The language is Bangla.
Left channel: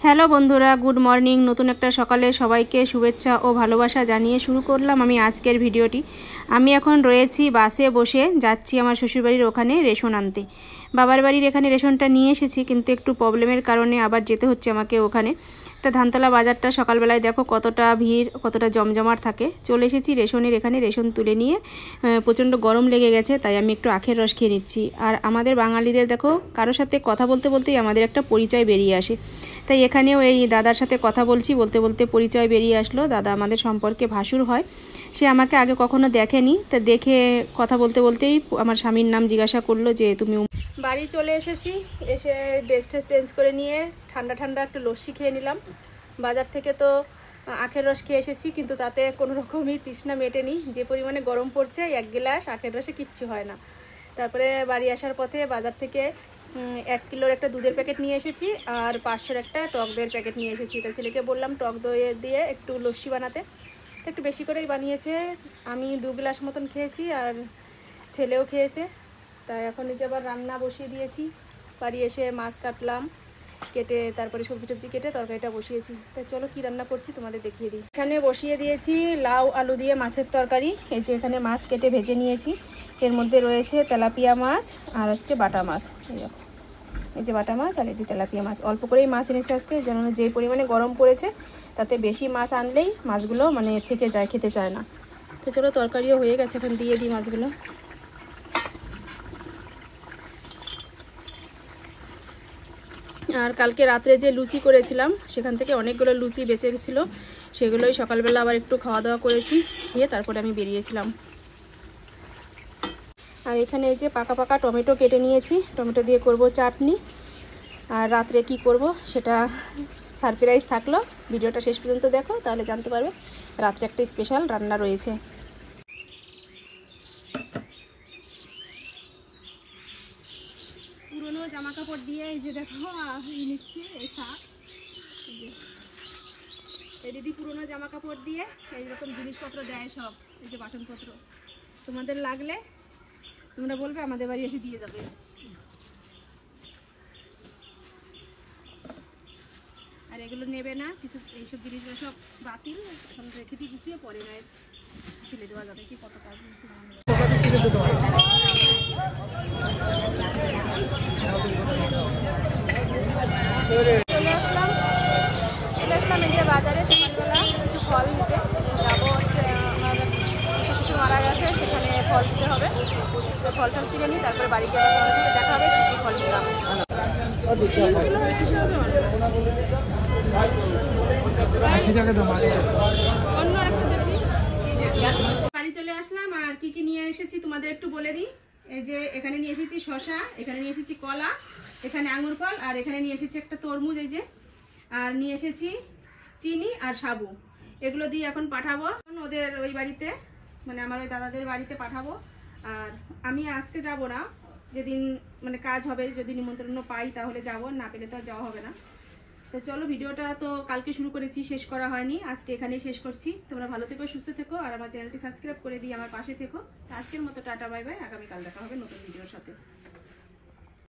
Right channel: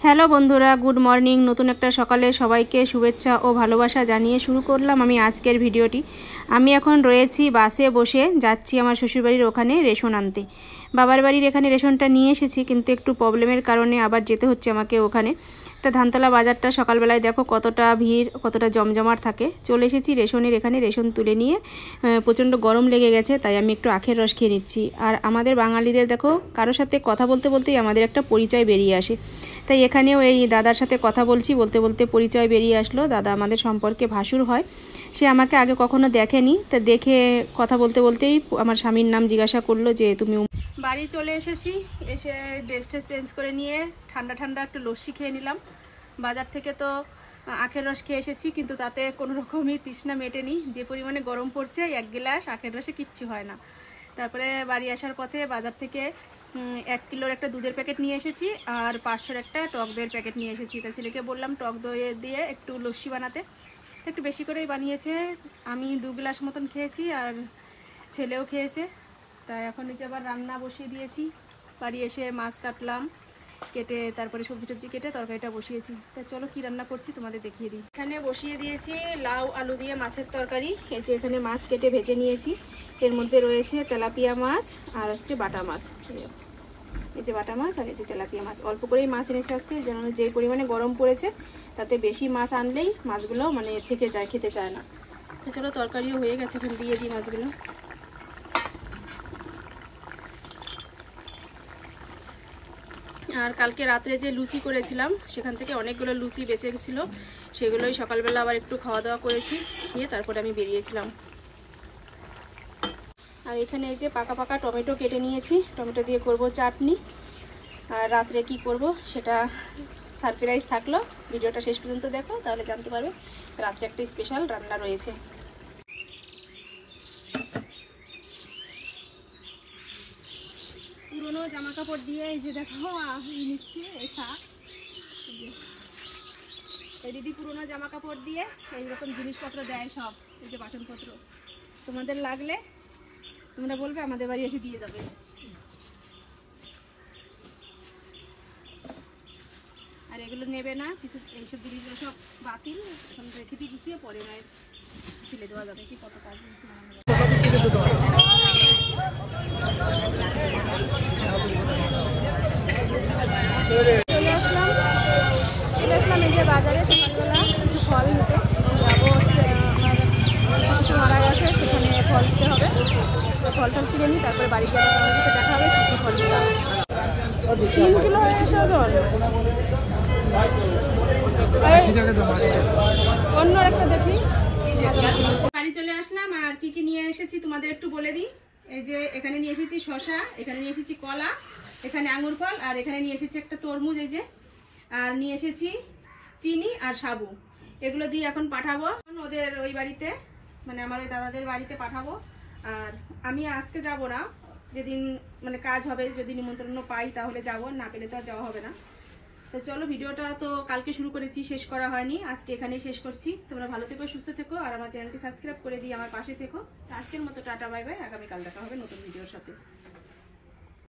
হ্যালো বন্ধুরা, গুড মর্নিং। নতুন একটা সকালে সবাইকে শুভেচ্ছা ও ভালোবাসা জানিয়ে শুরু করলাম আমি আজকের ভিডিওটি। আমি এখন রয়েছি বাসে বসে, যাচ্ছি আমার শ্বশুরবাড়ির ওখানে রেশন আনতে। বাবার বাড়ির এখানে রেশনটা নিয়ে এসেছি, কিন্তু একটু প্রবলেমের কারণে আবার যেতে হচ্ছে আমাকে ওখানে। তা ধানতলা বাজারটা সকালবেলায় দেখো কতটা ভিড়, কতটা জমজমাট থাকে। চলে এসেছি রেশনের এখানে, রেশন তুলে নিয়ে প্রচণ্ড গরম লেগে গেছে, তাই আমি একটু আখের রস খেয়ে নিচ্ছি। আর আমাদের বাঙালিদের দেখো কারোর সাথে কথা বলতে বলতেই আমাদের একটা পরিচয় বেরিয়ে আসে। তাই এখানেও এই দাদার সাথে কথা বলছি, বলতে বলতে পরিচয় বেরিয়ে আসলো। দাদা আমাদের সম্পর্কে ভাসুর হয়। সে আমাকে আগে কখনো দেখেনি, তা দেখে কথা বলতে বলতেই আমার স্বামীর নাম জিজ্ঞাসা করলো যে তুমি। বাড়ি চলে এসেছি, এসে ড্রেসটা চেঞ্জ করে নিয়ে ঠান্ডা ঠান্ডা একটু লস্যি খেয়ে নিলাম। বাজার থেকে তো আখের রস খেয়ে এসেছি, কিন্তু তাতে কোনো রকমই তৃষ্ণা মেটেনি। যে পরিমাণে গরম পড়ছে, এক গ্লাস আখের রসে কিচ্ছু হয় না। তারপরে বাড়ি আসার পথে বাজার থেকে 1 কিলোর একটা দুধের প্যাকেট নিয়ে এসেছি, আর 500-র একটা টক দইয়ের প্যাকেট নিয়ে এসেছি। তা ছেলেকে বললাম টক দই দিয়ে একটু লস্যি বানাতে, তো একটু বেশি করেই বানিয়েছে। আমি 2 গ্লাস মতন খেয়েছি, আর ছেলেও খেয়েছে। তাই এখন এই যে আবার রান্না বসিয়ে দিয়েছি। বাড়ি এসে মাছ কাটলাম, কেটে তারপরে সবজি টবজি কেটে তরকারিটা বসিয়েছি। তা চলো কি রান্না করছি তোমাদের দেখিয়ে দিই। এখানে বসিয়ে দিয়েছি লাউ আলু দিয়ে মাছের তরকারি। এই যে এখানে মাছ কেটে ভেজে নিয়েছি, এর মধ্যে রয়েছে তেলাপিয়া মাছ আর হচ্ছে বাটা মাছ। এই যে বাটা মাছ আর এই যে তেলাপিয়া মাছ। অল্প করেই মাছ এনেছে আজকে, যেন যে পরিমাণে গরম পড়েছে তাতে বেশি মাছ আনলেই মাছগুলো মানে থেকে যায়, খেতে চায় না। তো চলো তরকারিও হয়ে গেছে, এখন দিয়ে দিই মাছগুলো। আর কালকে রাত্রে যে লুচি করেছিলাম সেখান থেকে অনেকগুলো লুচি বেঁচে গেছিলো, সেগুলোই সকালবেলা আবার একটু খাওয়া দাওয়া করেছি, দিয়ে তারপরে আমি বেরিয়েছিলাম। আর এখানে এই যে পাকা পাকা টমেটো কেটে নিয়েছি, টমেটো দিয়ে করব চাটনি। আর রাত্রে কি করব সেটা সারপ্রাইজ থাকলো, ভিডিওটা শেষ পর্যন্ত দেখো তাহলে জানতে পারবে। রাত্রে একটা স্পেশাল রান্না রয়েছে। পুরনো জামা কাপড় দিয়ে এই যে দেখো নিচ্ছি এই থাক। এই দিদি পুরনো জামা কাপড় দিয়ে এইরকম জিনিসপত্র দেয় সব, এই যে বাসনপত্র। তোমাদের লাগলে তোমরা বলবে, আমাদের বাড়ি এসে দিয়ে যাবে। আর এগুলো নেবে না কিছু, এইসব জিনিসগুলো সব বাতিল, এখন রেখে দিয়ে গুছিয়ে পরে না ফেলে দেওয়া যাবে। কি কত কাজ চলে আসলাম এই যে বাজারে সকালবেলা কিছু ফল নিতে যাবো। হচ্ছে আমার কিছু মারা গেছে, সেখানে ফল দিতে হবে। ফল টল কিনে নিই, তারপরে বাড়িতে আবার তোমাদের সাথে দেখা হবে কিছু ফল নিলাম। 3 কিলো 80 ওজন। অন্য একটা দেখি। বাড়ি চলে আসলাম, আর কি কি নিয়ে এসেছি তোমাদের একটু বলে দিই। এই যে এখানে নিয়ে এসেছি শসা, এখানে নিয়ে এসেছি কলা, এখানে আঙুর ফল, আর এখানে নিয়ে এসেছি একটা তরমুজ। এই যে আর নিয়ে এসেছি চিনি আর সাবু। এগুলো দিয়ে এখন পাঠাবো ওদের ওই বাড়িতে, মানে আমার ওই দাদাদের বাড়িতে পাঠাবো। আর আমি আজকে যাব না, যেদিন মানে কাজ হবে, যদি নিমন্ত্রণ পাই তাহলে যাব, না পেলে তো আর যাওয়া হবে না। তো চলো, ভিডিওটা তো কালকে শুরু করেছি, শেষ করা হয়নি, আজকে এখানেই শেষ করছি। তোমরা ভালো থেকো, সুস্থ থেকো, আর আমার চ্যানেলটি সাবস্ক্রাইব করে দিয়ে আমার পাশে থেকো। আজকের মতো টাটা বাই বাই, আগামীকাল দেখা হবে নতুন ভিডিওর সাথে।